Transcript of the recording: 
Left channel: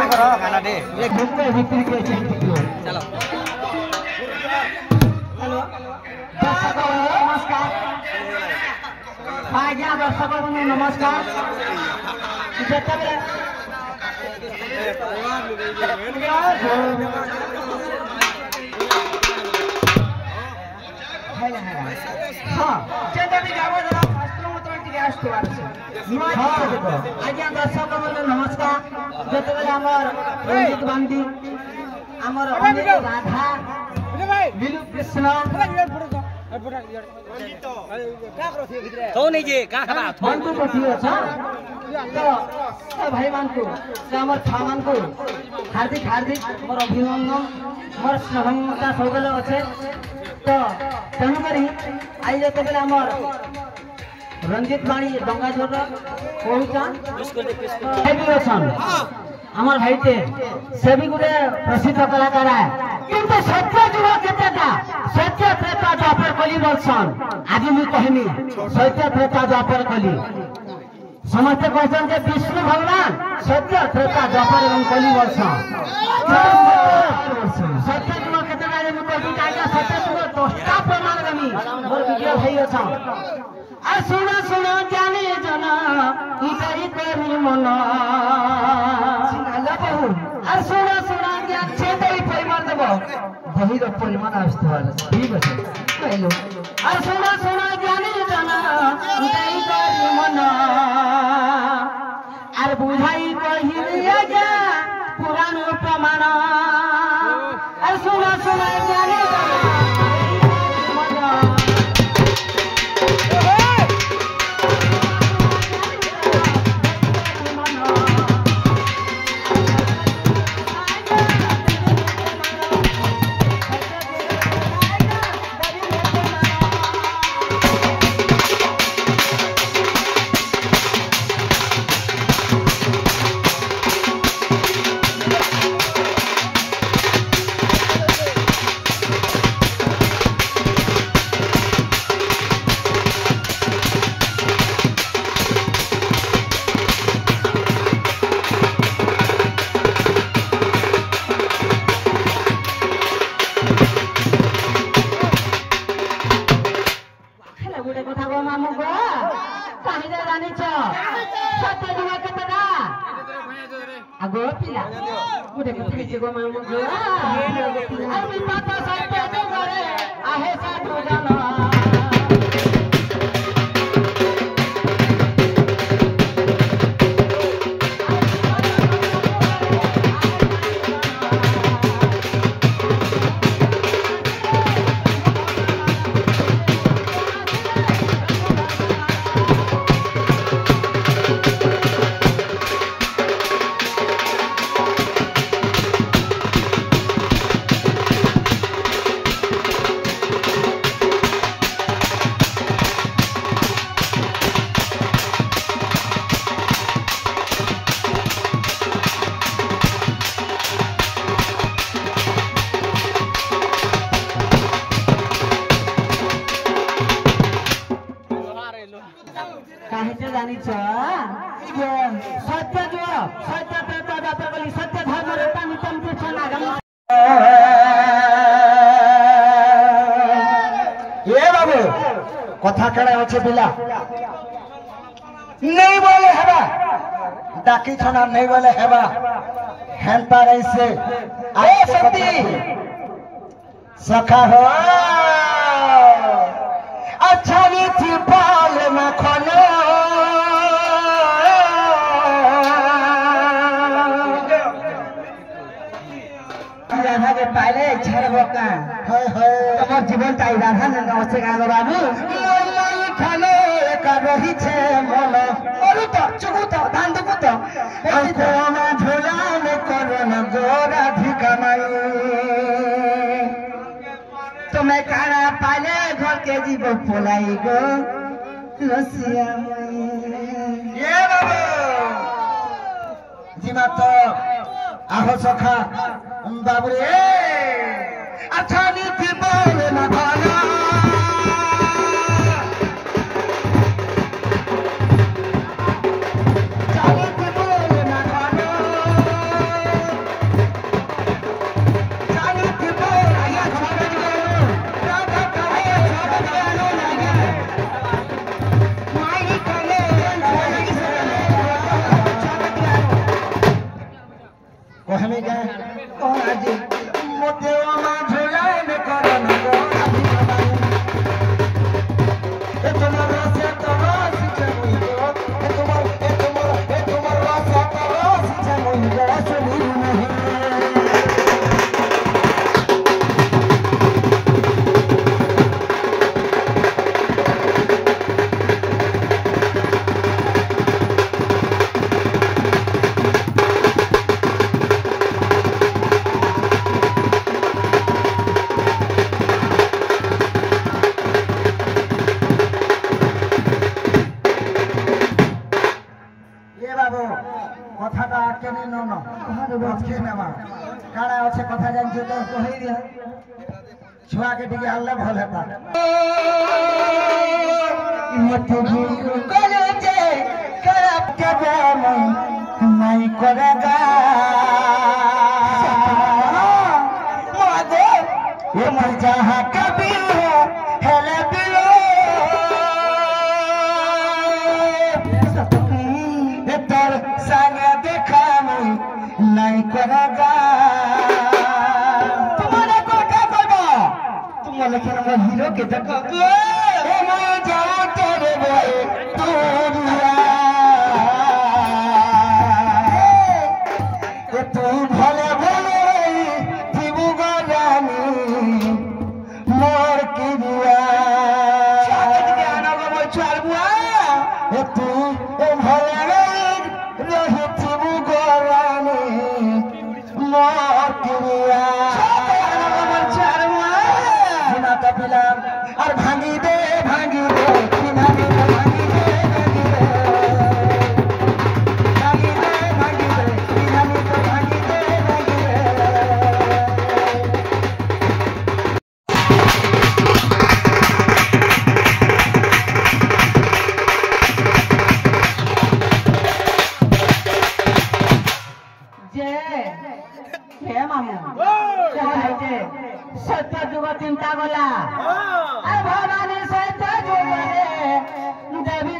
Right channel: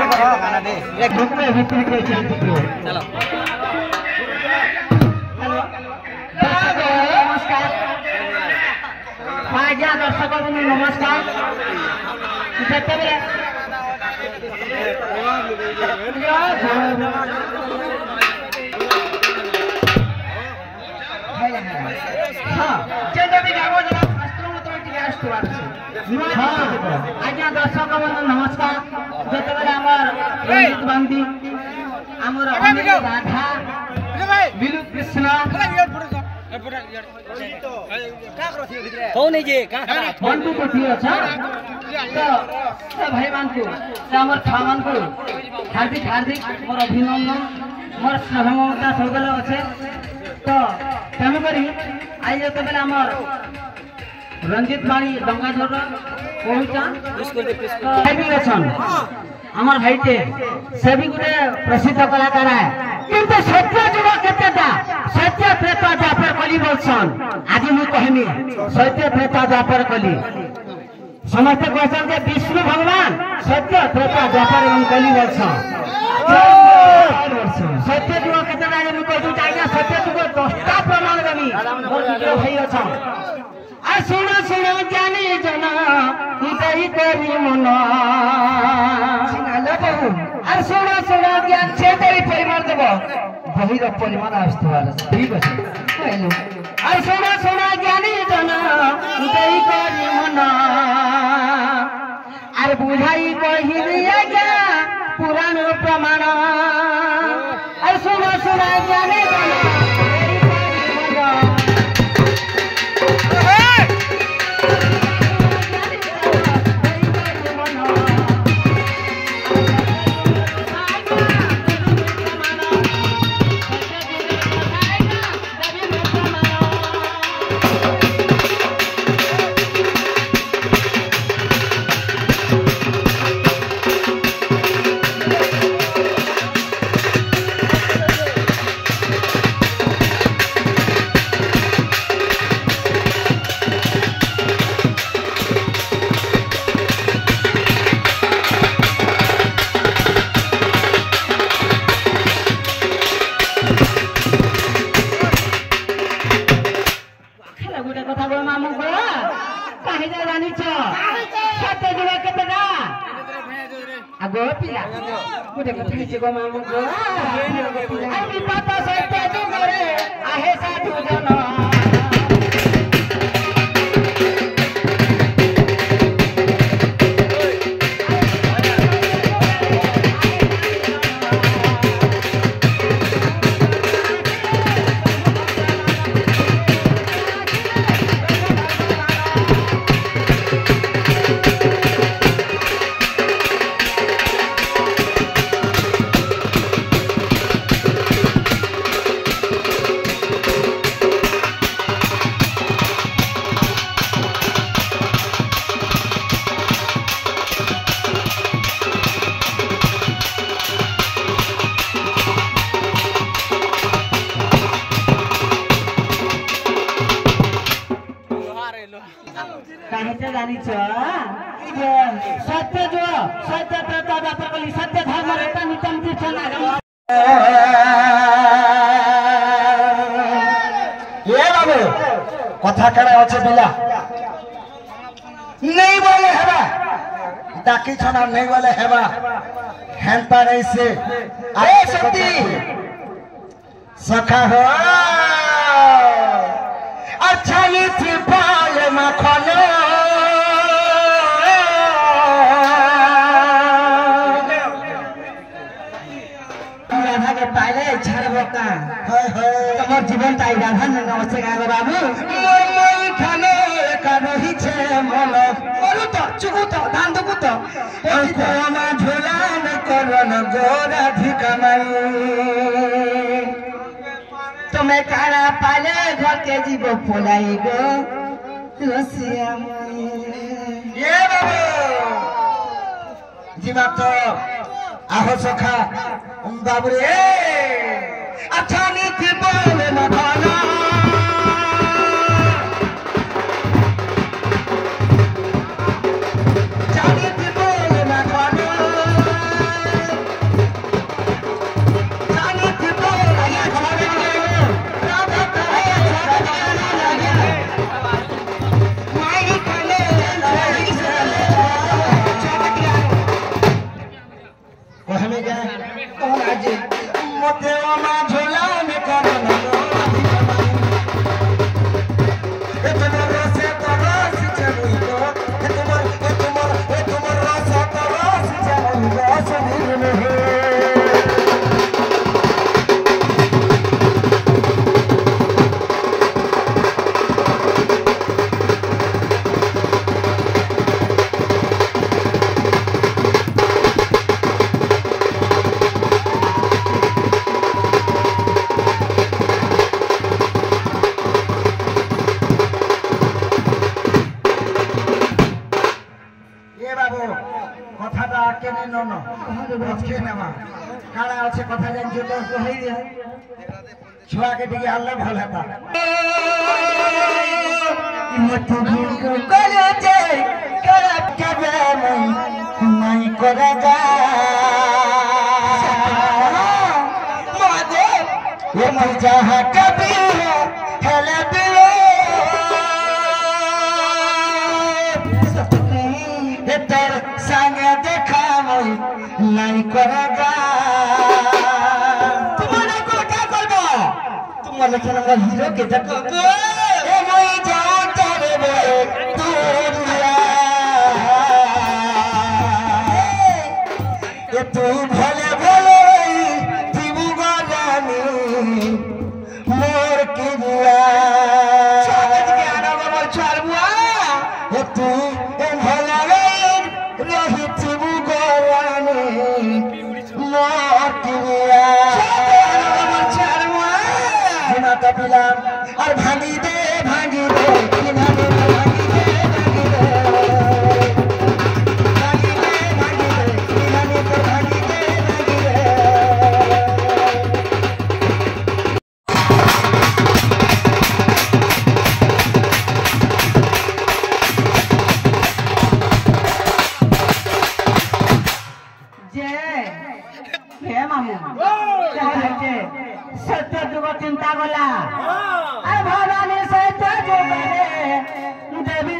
group में विक्री के चलो नमस्कार आज्ञा दर्शक नमस्कार आज्ञा दर्शक बंधु नमस्कार जिते रंजित बांधी आमर राधा बिलु कृष्ण बंधु कथी अच्छा तो भाई मान को आमर छा मान को हार्दिक हार्दिक मोर अभिनंदन मोर स्नेह ममता सब अच्छे तो तेणुक आई जो आमर रंजित बाणी दंगाझोर पहुँचान आमर भाईटे से भी गोटे प्रसिद्ध कलाकार है किंतु सत्य जुग केतेटा सत्य त्रेता द्वापर कली बोलसन आज मु कहनी सत्य त्रेता द्वापर कली समस्त कहसन के विष्णु भगवान सत्य त्रेता द्वापर एवं कली बोलसन सत्य जुग केतेटा मु कहू चाहिए सत्य जुग दस्ता प्रमाण गनी मोर वीडियो भाई अछन आ सुनो सुनो जानी जना उदय करी मन आ सुनो सुनो ज्ञान से तेरी परिमाण देव बहिर परिमाण आसुवार ठीक अच्छे कहले आ सुनो सुनो ज्ञानी जना उदय करी मन आर बुझाई कहिली आज्ञा पुराण प्रमाण आ सुनो सुनो ज्ञानी जना कथा कड़े अच्छे पिला नहीं बोले हेबा डाकी छना नहीं बोले हेबा हेल्पा नहीं से अरे शक्ति सखा हो अच्छा नहीं थी पाल माखन राधा के पाले छड़ बोका तमर जीवन ताई राधा नमस्ते गानो बाबू खाने का रही छे मन मरु तो चुकु तो दान दुकु तो हमको ना झोला न करन गोराधिका माई तुम्हें कारा पाले घर के जीव पोलाई गो रसिया माई ये बाबू जीवा तो आहो सखा बाबू रे अच्छा नीति बोले मखाना कहले जा कौन आज मते वाला झोला में करन को ए तुम्हारा से तो रास चलई को ए तुम्हारा रास तो रास चलई को सभी में छुआ के टिके हल्ला भल हेता मत भूल करे जे करब के जाम नहीं करेगा मादे ये मर जहां कभी हेले दिलो ये तर संगे देखा नहीं करेगा लखनऊ हीरो के देखो ए मैं जाऊं तेरे दुनिया ये तू भले भले जीवु गानी मोर की दिया स्वागत के आना को चल बुआ ये तू ए भले रही जीवु गानी मोर की दिया और भांगी दे भांगी दे भांगी दे भांगी दे भांगी दे भांगी दे हे मामू सत्य जुग चिंता गला भवानी सत्य जुग देवी